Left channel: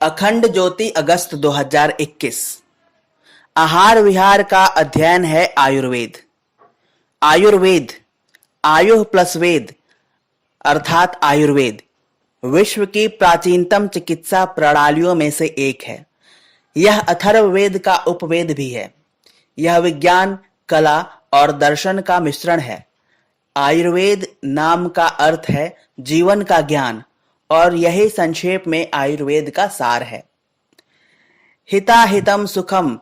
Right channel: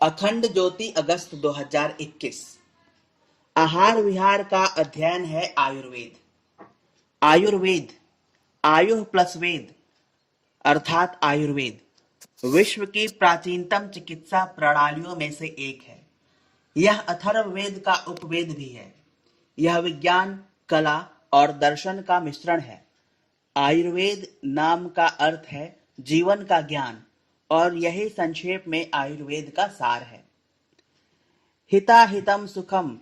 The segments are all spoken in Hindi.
अखंड ज्योति अगस्त 2021। आहार विहार का अध्ययन है आयुर्वेद। आयुर्वेद आयु प्लस वेद अर्थात आयुर्वेद विश्व की प्राचीनतम चिकित्सा प्रणालियों में से एक है। यह अथर्ववेद का उपवेद भी है। यह विज्ञान, कला और दर्शन का मिश्रण है। आयुर्वेद नाम का अर्थ है जीवन का ज्ञान, और यही संक्षेप में आयुर्वेद का सार है। हिताहितम सुखम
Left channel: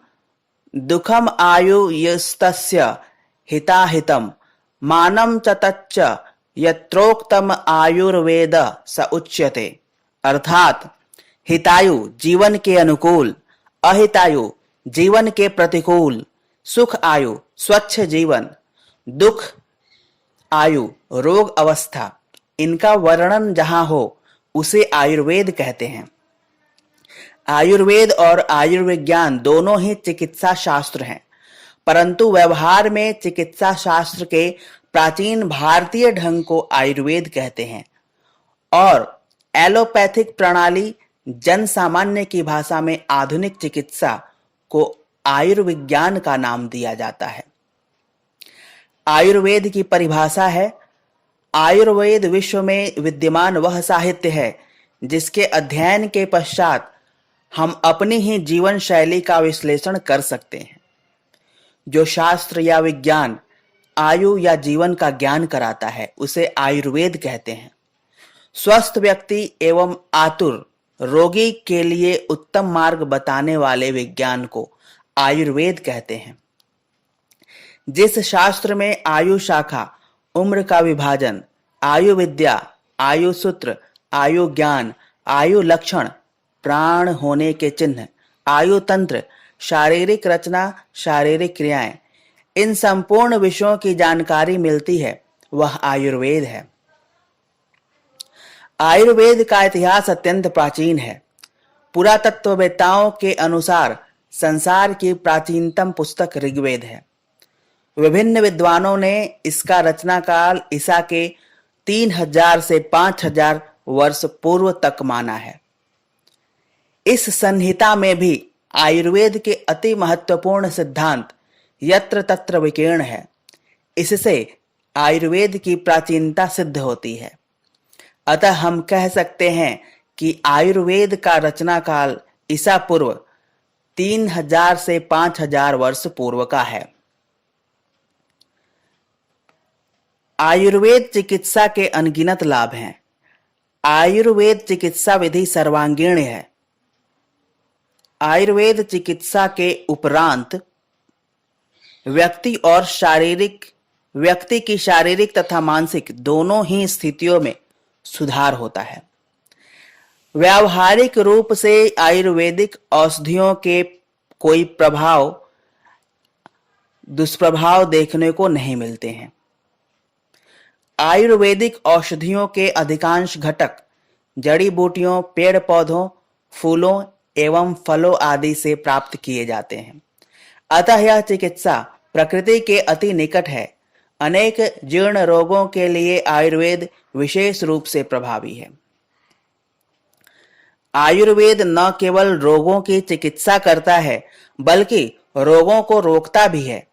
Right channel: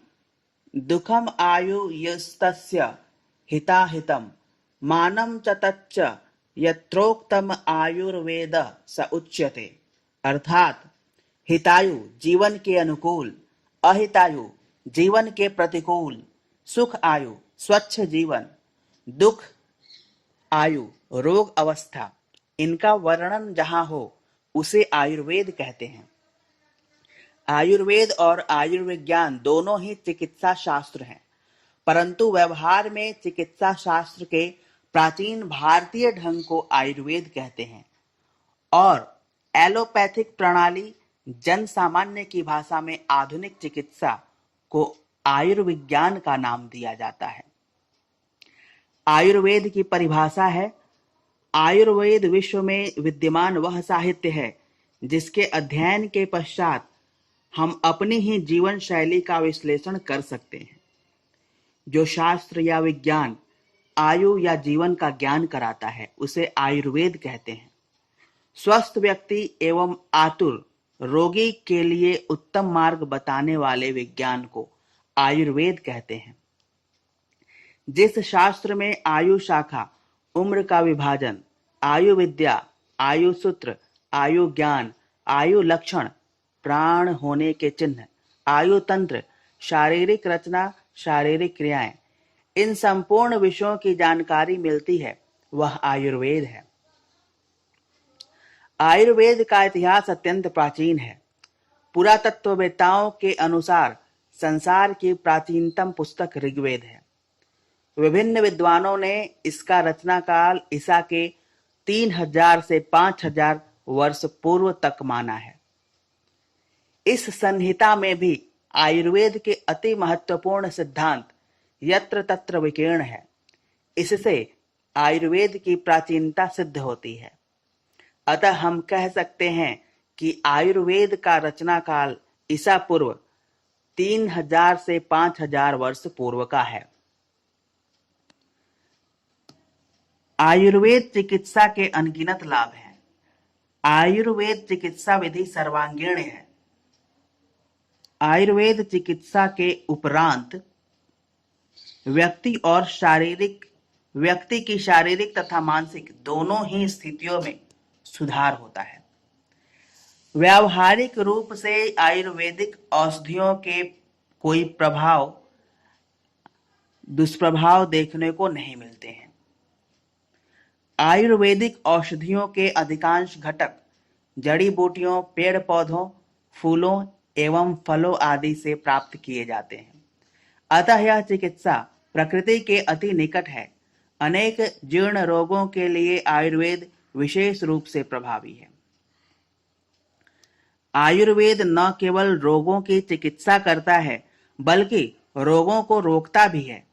दुखम आयुर्यस्तस्य हिताहितम मानम च तच्च यत्रोक्तम आयुर्वेद स उच्यते। अर्थात हितायु जीवन के अनुकूल, अहितायु जीवन के प्रतिकूल, सुख आयु स्वच्छ जीवन, दुख आयु रोग अवस्था, इनका वर्णन जहां हो उसे आयुर्वेद कहते हैं। आयुर्वेद और आयुर्विज्ञान दोनों ही चिकित्सा शास्त्र हैं, परंतु व्यवहार में चिकित्सा शास्त्र के प्राचीन भारतीय ढंग को आयुर्वेद कहते हैं और एलोपैथिक प्रणाली जन सामान्य की भाषा में आधुनिक चिकित्सा को आयुर्विज्ञान का नाम दिया जाता है। आयुर्वेद की परिभाषा है, आयुर्वेद विश्व में विद्यमान वह साहित्य है जिसके अध्ययन के पश्चात हम अपनी ही जीवन शैली का विश्लेषण कर सकते हैं। जो शास्त्र या विज्ञान आयु या जीवन का ज्ञान कराता है उसे आयुर्वेद कहते हैं। स्वस्थ व्यक्ति एवं आतुर रोगी के लिए उत्तम मार्ग बताने वाले विज्ञान को आयुर्वेद कहते हैं। जिस शास्त्र में आयु शाखा, उम्र का विभाजन, आयु विद्या, आयु सूत्र, आयु ज्ञान, आयु लक्षण, प्राण होने के चिन्ह, आयु तंत्र, शारीरिक रचना, शारीरिक क्रियाएं, इन संपूर्ण विषयों की जानकारी मिलती है वह आयुर्वेद है। आयुर्वेद का इतिहास अत्यंत प्राचीन है। पुरातत्ववेत्ताओं के अनुसार संसार की प्राचीनतम पुस्तक ऋग्वेद है। विभिन्न विद्वानों ने इसका रचना काल ईसा के 3000 से 5000 वर्ष पूर्व तक माना है। इस संहिता में भी आयुर्वेद के अति महत्वपूर्ण सिद्धांत यत्र तत्र विकीर्ण है। इससे आयुर्वेद की प्राचीनता सिद्ध होती है। अतः हम कह सकते हैं कि आयुर्वेद का रचना काल ईसा पूर्व 3000 से 5000 वर्ष पूर्व का है। आयुर्वेद चिकित्सा के अनगिनत लाभ हैं। आयुर्वेद चिकित्सा विधि सर्वांगीण है। आयुर्वेद चिकित्सा के उपरांत व्यक्ति की शारीरिक तथा मानसिक दोनों ही स्थितियों में सुधार होता है। व्यावहारिक रूप से आयुर्वेदिक औषधियों के कोई दुष्प्रभाव देखने को नहीं मिलते हैं। आयुर्वेदिक औषधियों के अधिकांश घटक जड़ी बूटियों, पेड़ पौधों, फूलों एवं फलों आदि से प्राप्त किए जाते हैं। अतः यह चिकित्सा प्रकृति के अति निकट है। अनेक जीर्ण रोगों के लिए आयुर्वेद विशेष रूप से प्रभावी है। आयुर्वेद न केवल रोगों की चिकित्सा करता है बल्कि रोगों को रोकता भी है।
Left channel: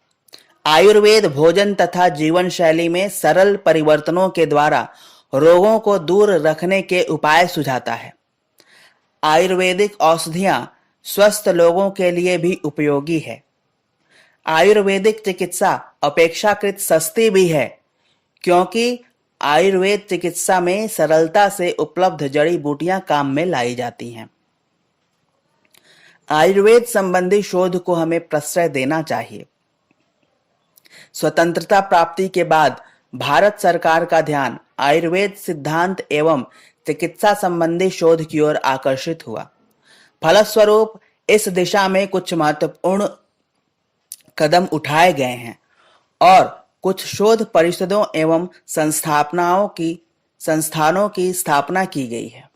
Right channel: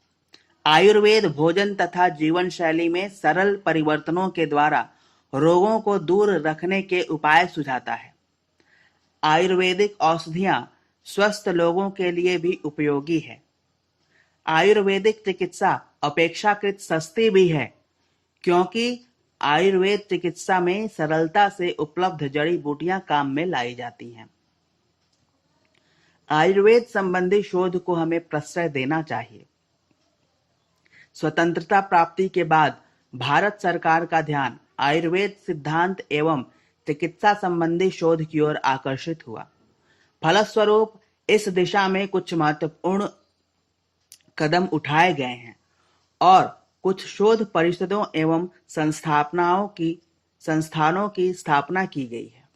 आयुर्वेद भोजन तथा जीवन शैली में सरल परिवर्तनों के द्वारा रोगों को दूर रखने के उपाय सुझाता है। आयुर्वेदिक औषधियां स्वस्थ लोगों के लिए भी उपयोगी है। आयुर्वेदिक चिकित्सा अपेक्षाकृत सस्ती भी है, क्योंकि आयुर्वेद चिकित्सा में सरलता से उपलब्ध जड़ी बूटियां काम में लाई जाती हैं। आयुर्वेद संबंधी शोध को हमें प्रश्रय देना चाहिए। स्वतंत्रता प्राप्ति के बाद भारत सरकार का ध्यान आयुर्वेद सिद्धांत एवं चिकित्सा संबंधी शोध की ओर आकर्षित हुआ। फलस्वरूप इस दिशा में कुछ महत्वपूर्ण कदम उठाए गए हैं और कुछ शोध परिषदों एवं संस्थानों की स्थापना की गई है,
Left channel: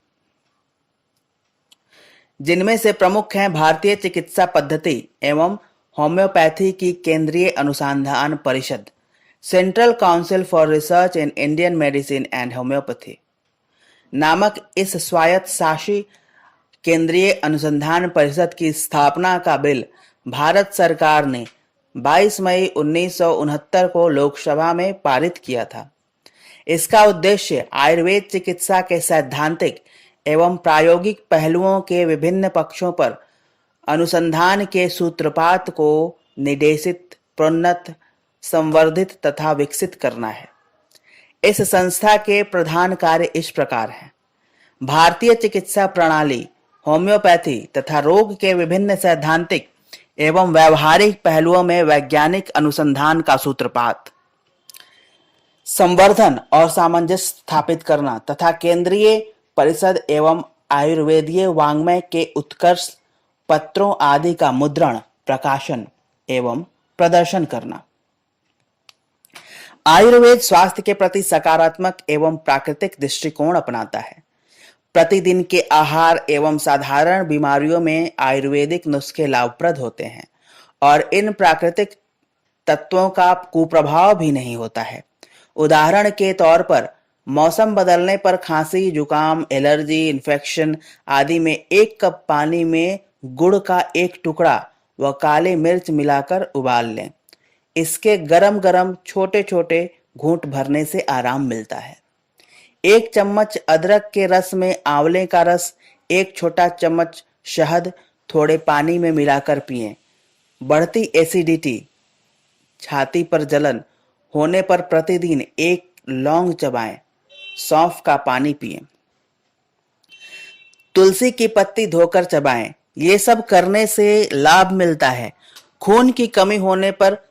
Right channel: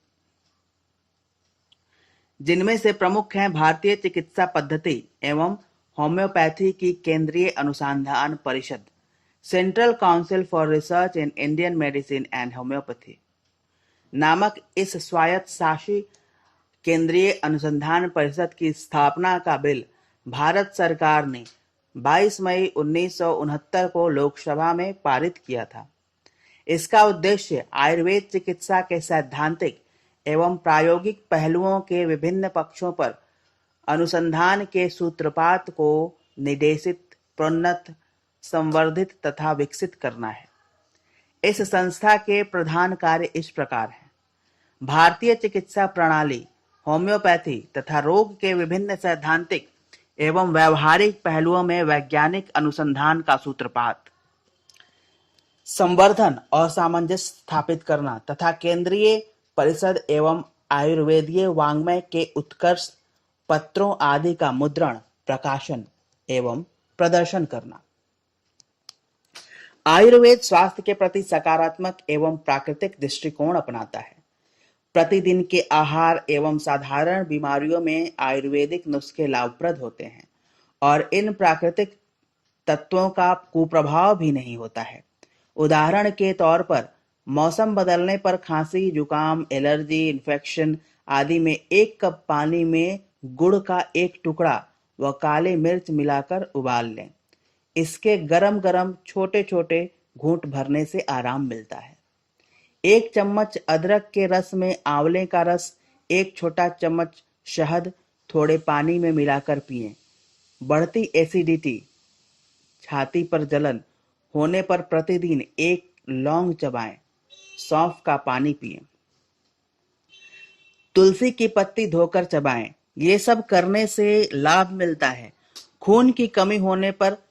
जिनमें से प्रमुख हैं भारतीय चिकित्सा पद्धति एवं होम्योपैथी की केंद्रीय अनुसंधान परिषद, central council for research in Indian medicine and homeopathy नामक इस स्वायत्त शासी केंद्रीय अनुसंधान परिषद की स्थापना का बिल भारत सरकार ने 22 मई 1969 को लोकसभा में पारित किया था। इसका उद्देश्य आयुर्वेद चिकित्सा के सैद्धांतिक एवं प्रायोगिक पहलुओं के विभिन्न पक्षों पर अनुसंधान के सूत्रपात को निर्देशित, प्रोन्नत, संवर्धित तथा विकसित करना है। इस संस्था के प्रधान कार्य इस प्रकार हैं: भारतीय चिकित्सा प्रणाली, होम्योपैथी तथा रोग के विभिन्न सैद्धांतिक एवं व्यावहारिक पहलुओं में वैज्ञानिक अनुसंधान का सूत्रपात, संवर्धन और सामंजस्य स्थापित करना तथा केंद्रीय परिषद एवं आयुर्वेदीय वाङ्मय के उत्कर्ष पत्रों आदि का मुद्रण, प्रकाशन एवं प्रदर्शन करना। आयुर्वेद स्वास्थ्य के प्रति सकारात्मक एवं प्राकृतिक दृष्टिकोण अपनाता है। प्रतिदिन के आहार एवं साधारण बीमारियों में आयुर्वेदिक नुस्खे लाभप्रद होते हैं और इन प्राकृतिक तत्वों का कुप्रभाव भी नहीं होता है। उदाहरण के तौर पर मौसम बदलने पर खांसी, जुकाम, एलर्जी, इन्फेक्शन आदि में 1 कप पानी में गुड़ का 1 टुकड़ा व काली मिर्च मिलाकर उबाल लें। इसके गरम गरम छोटे छोटे घूंट भरने से आराम मिलता है। 1 चम्मच अदरक के रस में आंवले का रस, 1 छोटा चम्मच शहद थोड़े पानी में मिलाकर पिएं। बढ़ती एसिडिटी, छाती पर जलन होने पर प्रतिदिन 1 लौंग चबाएं। सौंफ का पानी पिएं। तुलसी की पत्ती धोकर चबाएं। ये सब करने से लाभ मिलता है। खून की कमी होने पर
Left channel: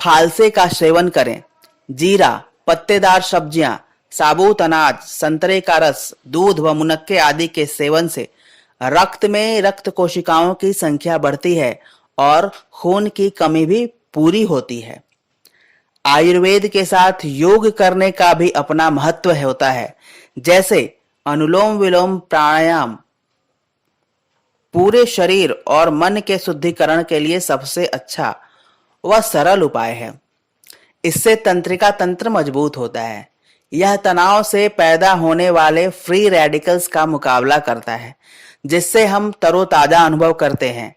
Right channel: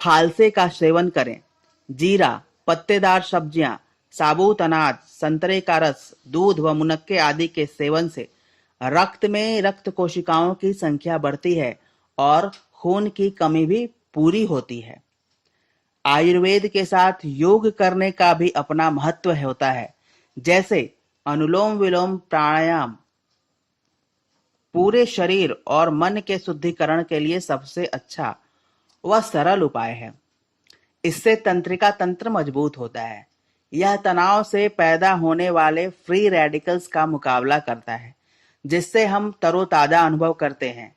फालसे का सेवन करें। जीरा, पत्तेदार सब्जियां, साबुत अनाज, संतरे का रस, दूध व मुनक्के आदि के सेवन से रक्त में रक्त कोशिकाओं की संख्या बढ़ती है और खून की कमी भी पूरी होती है। आयुर्वेद के साथ योग करने का भी अपना महत्व होता है। जैसे अनुलोम विलोम प्राणायाम पूरे शरीर और मन के शुद्धिकरण के लिए सबसे अच्छा व सरल उपाय है। इससे तंत्रिका तंत्र मजबूत होता है। यह तनाव से पैदा होने वाले फ्री रेडिकल्स का मुकाबला करता है, जिससे हम तरोताजा अनुभव करते हैं।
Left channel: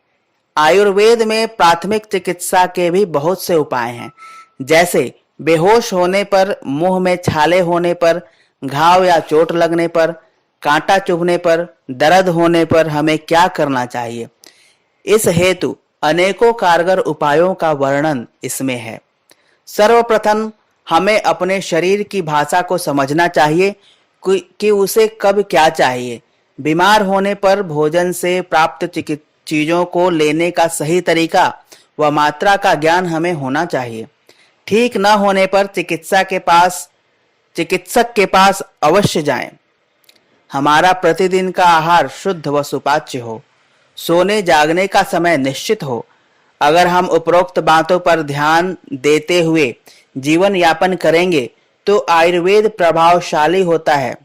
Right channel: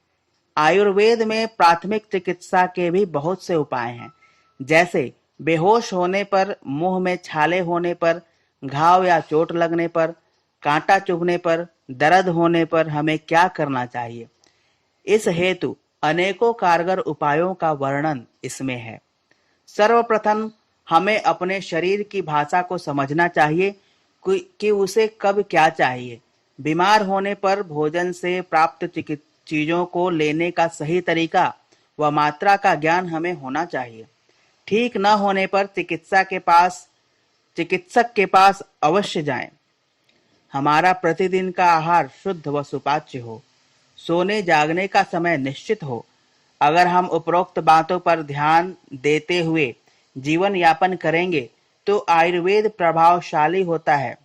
आयुर्वेद में प्राथमिक चिकित्सा के भी बहुत से उपाय हैं। जैसे बेहोश होने पर, मुंह में छाले होने पर, घाव या चोट लगने पर, कांटा चुभने पर, दर्द होने पर हमें क्या करना चाहिए। इस हेतु अनेकों कारगर उपायों का वर्णन इसमें है। सर्वप्रथम हमें अपने शरीर की भाषा को समझना चाहिए कि उसे कब क्या चाहिए। बीमार होने पर भोजन से प्राप्त चीजों को लेने का सही तरीका व मात्रा का ज्ञान हमें होना चाहिए। ठीक न होने पर चिकित्सक के पास अवश्य जाएं। हमारा प्रतिदिन का आहार शुद्ध व सुपाच्य हो। सोने जागने का समय निश्चित हो। अगर हम उपरोक्त बातों पर ध्यान देते हुए जीवन यापन करेंगे तो आयुर्वेद प्रभावशाली होता है।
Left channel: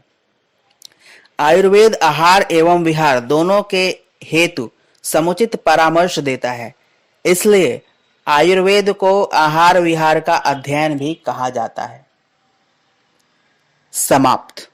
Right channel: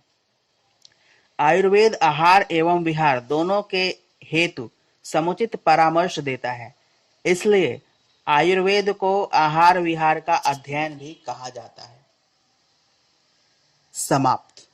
आयुर्वेद आहार एवं विहार दोनों के हेतु समुचित परामर्श देता है। इसलिए आयुर्वेद को आहार विहार का अध्ययन भी कहा जाता है। समाप्त।